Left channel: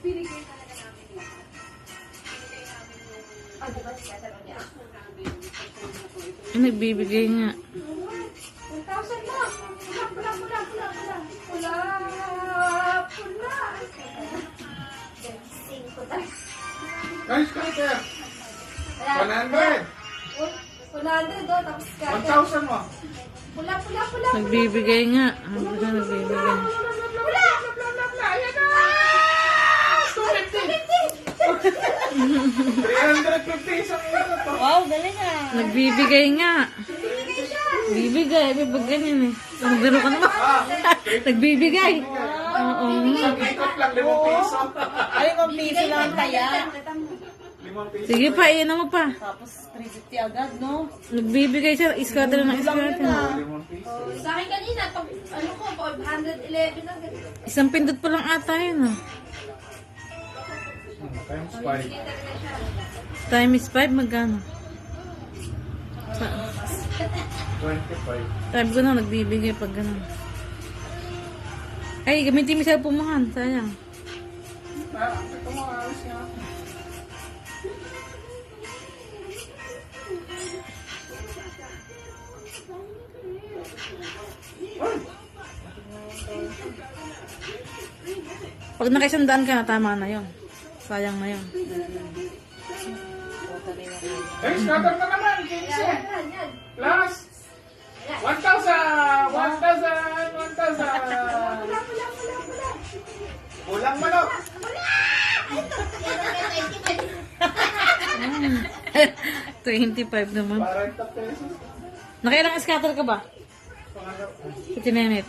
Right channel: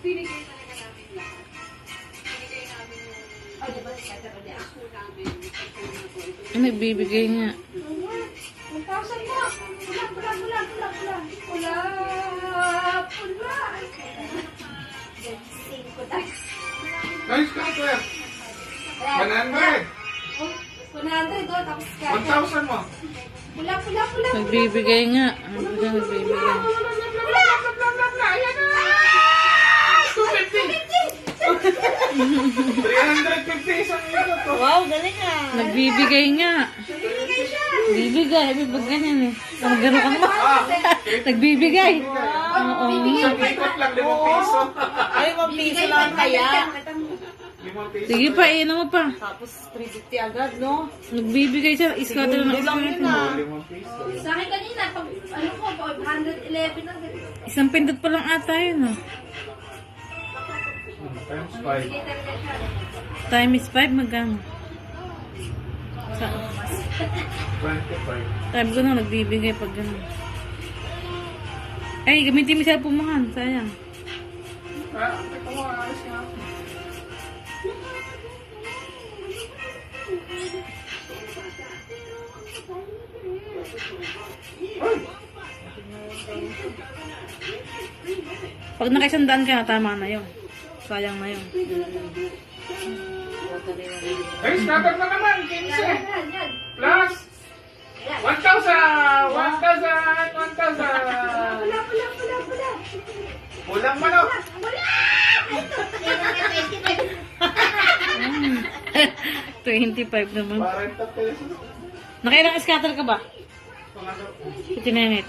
Binigay talaga namin yan. Binigay namin yung Diba, scatter ulit. ako namin. Ay, nagbibigay nga. 1,000 mo. Pula. Singko tayo. Nice scatter. 100. 100 doon, tapos scatter. 1,000 mo. Pula. Nagbibigay nga. Nagbibigay. Ayan na! 350 isang ito to. Wow, galing ah. Nagbibigay nga. Bibigay. Bibigay yan eh. Ano gano'n ka naman? Nagbibigay. Oo. Ang ikot lang, 5 piso. Ay, 1 piso lang kaya. 5 piso. Sige pa, iyan mo pa. Tapos 350 agad, no? Nagbibigay siya. Scatter ng scatter. 5 piso. Sa akin kanina, pag ano ko, 111 lang. Isang pindot pa lang ata yun. Ah. Times 5. Times 5, magkano? 25. Sabi ko na, nagbibigay pag gano'n. Ay, gamitin mo siya pumahan. Sayang. Ito mo, ayos nga. Pag nakaisandaan ka na, tama na yun. Sayang na yun. Ay, scatter na naman, 15. Plus 1,000! 1,000! Kulang manok! 25 naman. 40 pesos. Nakailang scatter ka ba? Pangalaw. Si Tinenet.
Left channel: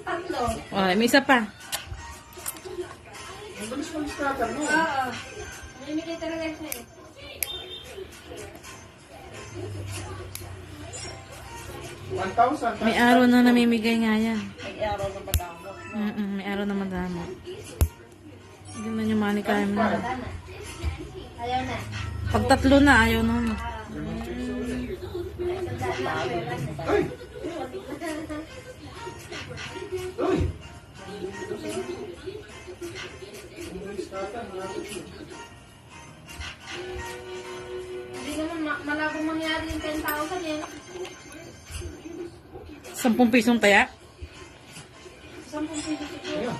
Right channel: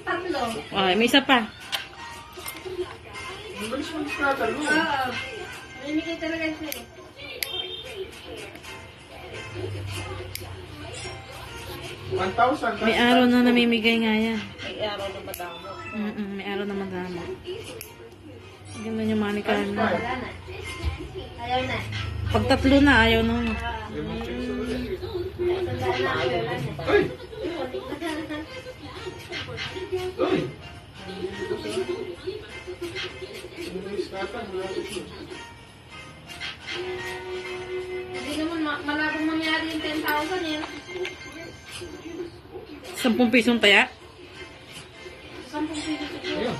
Tatlo. Ay, may isa pa. Ang bilis mag-scatter mo. Oo. Mamimigay talaga siya eh. May araw na namimigay nga yan. May araw na madamo. May araw na magana. Ganun yung money ka na. Wala na. Ayaw na. Pag tatlo na, ayaw na. Uy! Uy! Hindi naman malabong mangyari yung 10,000 eh. 10 pisong taya? 10 piso siguro.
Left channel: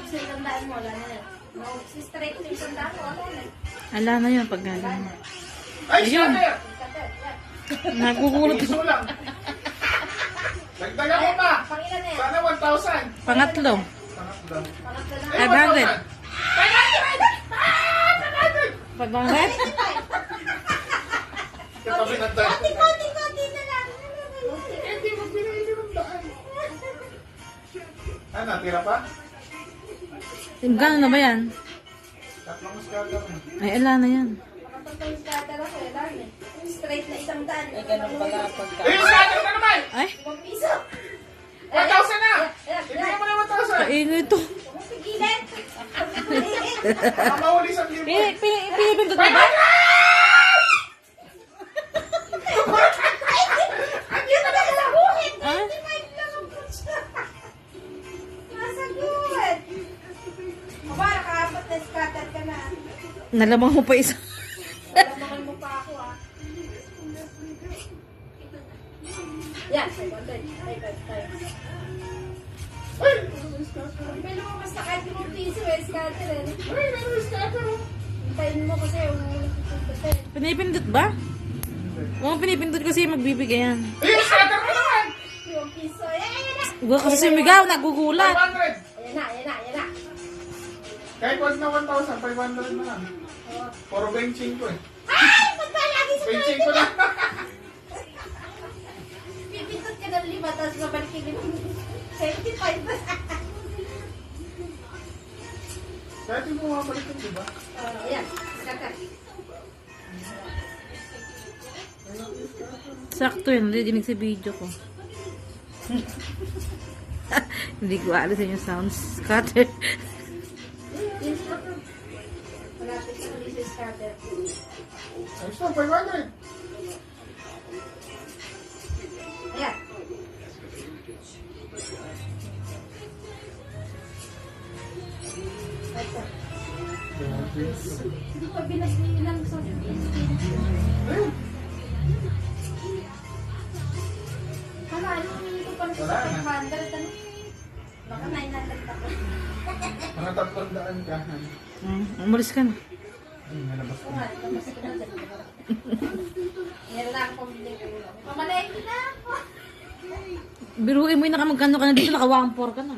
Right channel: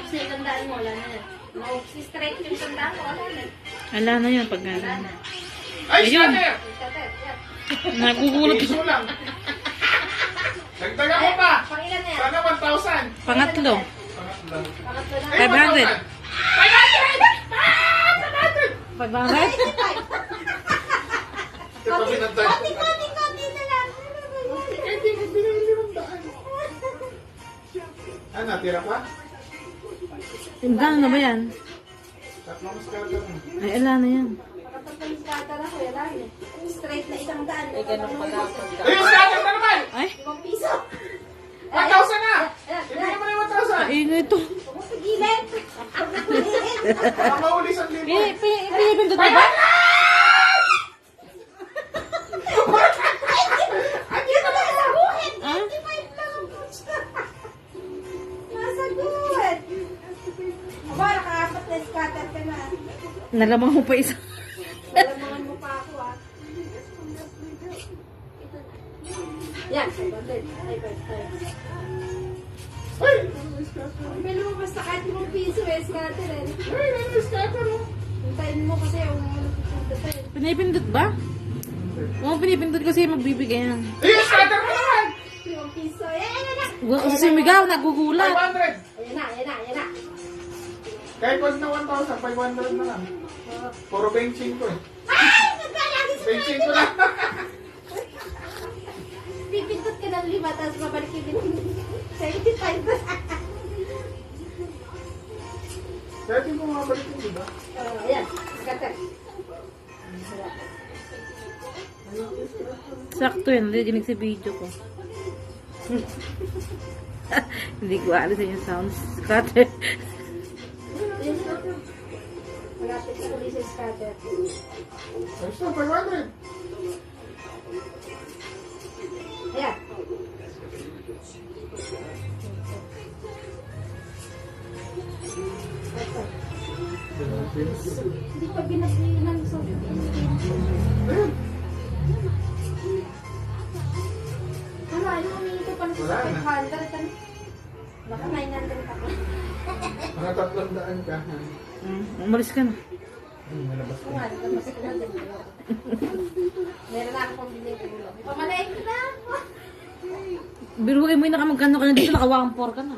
Sa ilang daan mo, wala na. Si straight yung sandaan mo, wala na. Ala na yun pag Wala gano'n. na. Ay, Ayun. scatter! Nagugulat. Piso lang. Dagdagan mo pa! Pangilan na yan. Sana 1,000. Pangatlo. Pangatlo. Pangatlo na. Ay, 500. 500! 500? Ito pinagdaan. Konti na lang. Eh, di mo binili ng daan. Ah, natira pa? Yung gano'n na ba yan? Tatlong scatter. Ay, ala na yan. Pangatlo yung scatter ako, wala na. Straight na isang daan. Ay, yung scatter na naman! Ay, 5 piso. 1,000 na! Ayan, Ibigay mo na 1,000! kaino ito. Huwag pigilan. Baka mahuli sa libo. Pinipindot Ay, ba? Andiyan na lang! Ha? Nasa good. Aba, nakaapat na scatter ka na. Nalamang mo pa isa. Alam mo pa ako ah. Yan, 500. Ay, 5. Ay! May lumabas na kahit 5 piso eh, scatter eh. Ay, ano yung scatter mo? Hintayin mo kasi yung nagpupunta eh. Pinipindot ba? Oo, pinipindot kasi magbibigay yan. Ay, yung scatter mo naman! 5 piso. Ayan. Huwag kasi sumigaw, nagugulat. 500! Ayan na. Kahit wag na 1,000, 500 na lang. Puro 25 eh. Ay! Maglalagi sa 25 lang. pipindot ka ng 5, tapos babalik ka ng 75. Kahit yung bumabalik yun, di ba? Ayan, scatter. Sakto yun, nadidinig sa video ko. Hindi ko alas yung sounds. Scatter. Malapit sa ulit sa scatter. Ayos na, 500. Ayan. saan ka? Umalis ka na. Nalabas ko. Meron na akong pambili ko. Pamalayin ko na. Biruin mo yung nakamagkano ka na dito, naka-1-4 ka na.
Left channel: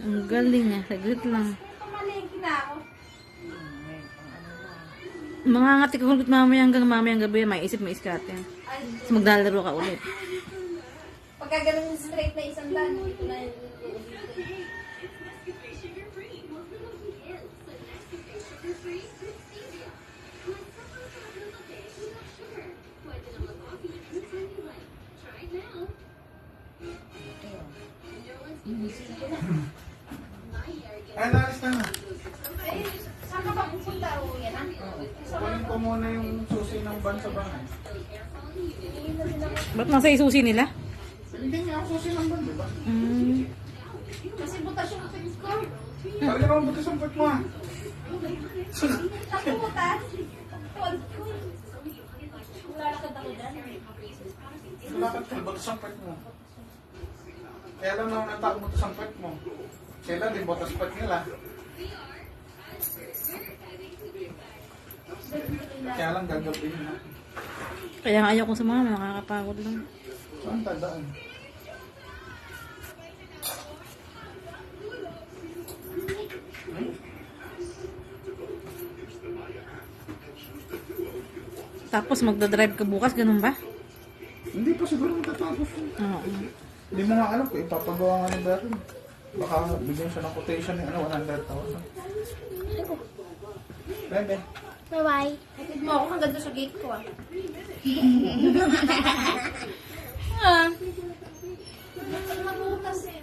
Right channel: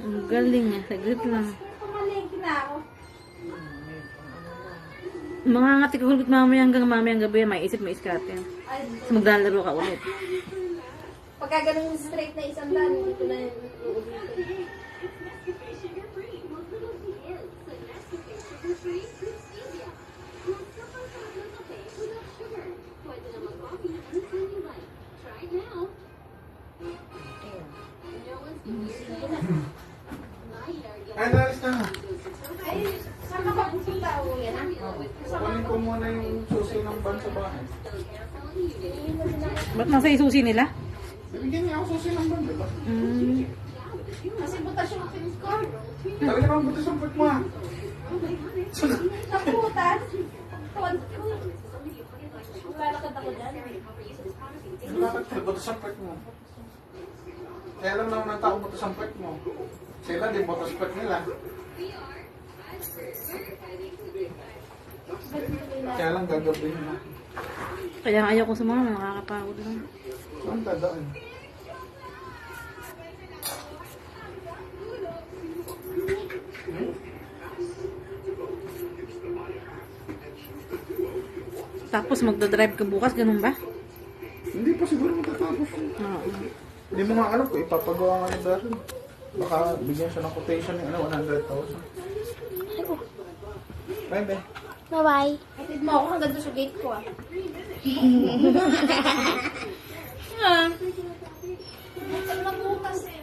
Ang galing eh, saglit lang. Pamalayin ko na ako. Mga ngati ko hanggang mamayang gabi, may isip, may iskate. Ay, Tapos maglalaro ka ulit. pagka ganun straight na isang daan, dito na yung uulitin. Ay, nalis na nga. Ay, saan ka ba pupunta? Uwi na? Kunin ko muna yung susi ng van sa bahay. Ba't nasa isusi nila? Hindi nga ako susi ng van, diba? Kasi butas yung aking cord. Talaga bang butas ang pet mo ah? Naputas. Tuwad ko. Lalakad ako dyan. Bakit may butas ang pet mo? Kaya alam naman ng tao butas ang pet mo. Sila din butas pet nila. Kaya lang gagabihin na. Kaya nga ayaw kong sumama, nakakapagod lang. Saan dadaan? Tapos magdadrive ka bukas, ganun ba? Hindi pa siguro matatapos. Oo. Hindi mo nga alam kung ipapagawa nga ni dati. Baka bigyan siya ng quotation ng 100,000. Bye-bye. Bye-bye. Hatid mo ako hanggang doon sa gate ko ah. Pag nabutas eh.